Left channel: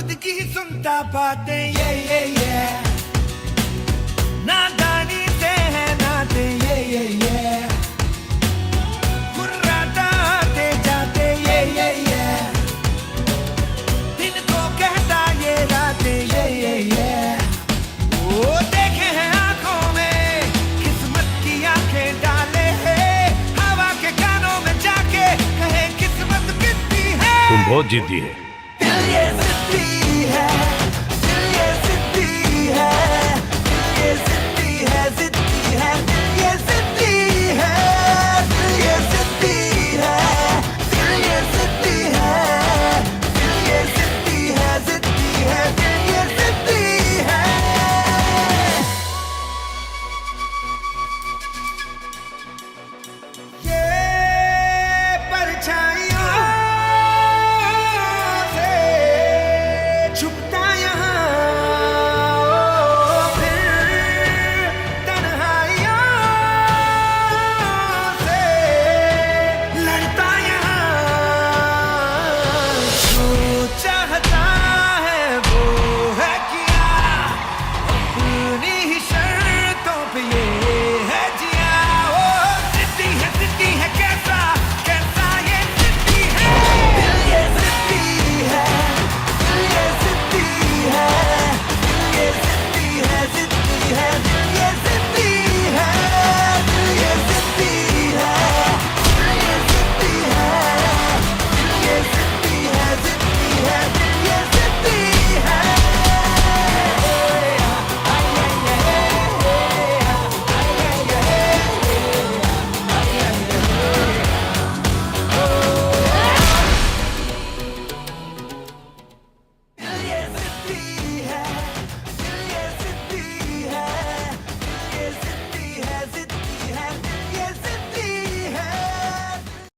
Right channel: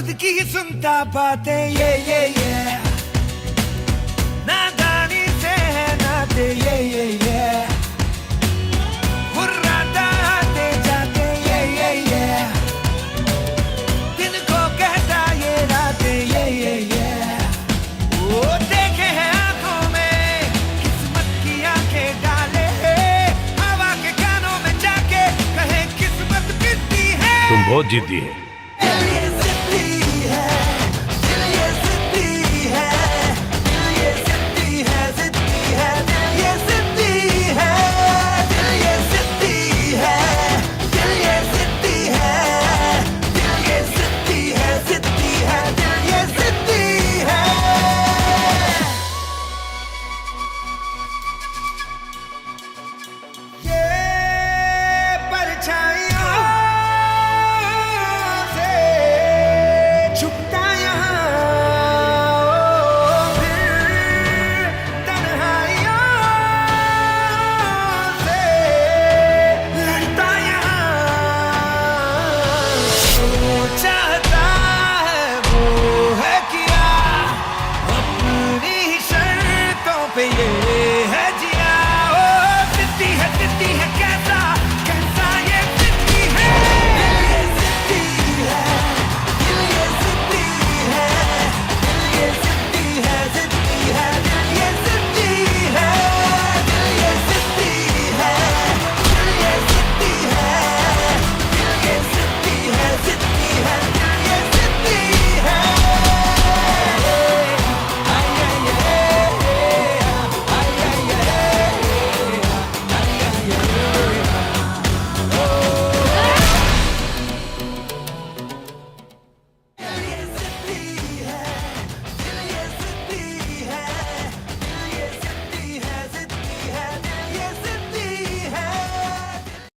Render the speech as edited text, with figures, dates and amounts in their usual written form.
खुद की ही सुनता बातें ये नादानी से है नाते ये मुर्रादा आते जाते ये दिल को कहता ये राते ये वो देखे हैं आंखों में किस्मत की आंखें डाले हवा के कानों में जाके कहे किस्मत कितनी है। तुम बहुत जिद्दी है।